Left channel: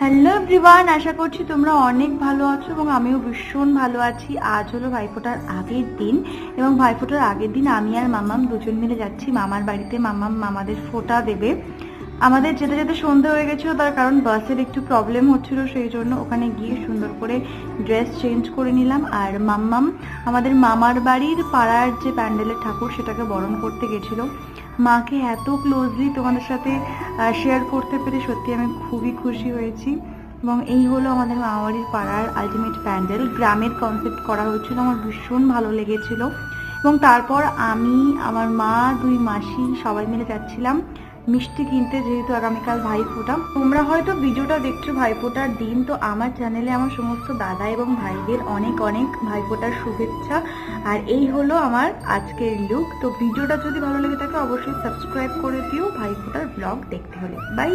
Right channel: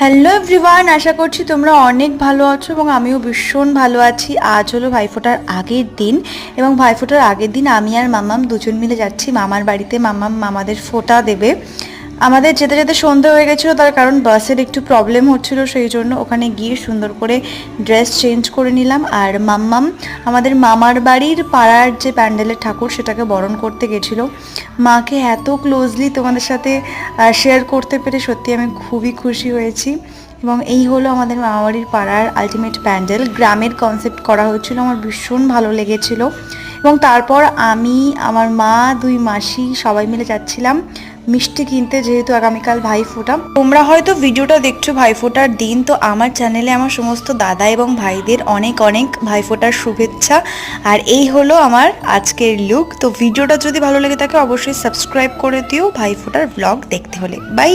Hello everyone, আশা করছি তোমরা অনেক ভালো আছো এবং আমিও ভীষণ ভালো আছি। আজ হলো ভাইফোঁটার আগের দিন এবং ভাইফোঁটার আগের দিন আমি আর মামাম দুজন মিলে যাচ্ছি মামার বাড়িতে। মামাম মামাদের ফোঁটা দেবে। আমাদের যেতে যেতে সন্ধে হয়ে গেছিলো, তার কারণ বাসের একটু প্রবলেম হচ্ছিলো, সেই জন্য ওখানে গিয়ে সুন্দর করে ড্রেস চেঞ্জ করে নিলাম। আর মাম্মাম আমাদের মামার বাড়ির পাড়ার যে প্যান্ডেলের ঠাকুর সেটাকে বরণ করতে গেছিলো। মাকে এত ক্লোজলি তোমাদের সাথে শেয়ার করতে পেরে সত্যি আমি খুবই খুশি হয়েছি। এবং এই হলো আমাদের মামাবাড়ির পাড়ার আলটিমেট প্যান্ডেল, গ্রামের কনসেপ্ট করা হয়েছিল, আমার ভীষণ ভালো লেগেছিল। এবং তারপর আমি, আমার মা, দুই মাসি সবাই মিলে যাচ্ছিলাম মিষ্টি কিনতে, যেহেতু আগামীকাল ভাইফোঁটা। তোমরা হয়তো ভিডিওটা দেখছো ভাইফোঁটার দিন, তো আমার চ্যানেলে আমার সমস্ত দাদা এবং ভাইদের অনেক অনেক ভাইফোঁটার শুভেচ্ছা। আর এই হলো আমার আজকের লুক। তো ভিডিওটা যদি ভালো লেগে থাকে অবশ্যই সাবস্ক্রাইব করে দিও ভাইফোঁটার ব্লগ দেখতে হলে। বাই।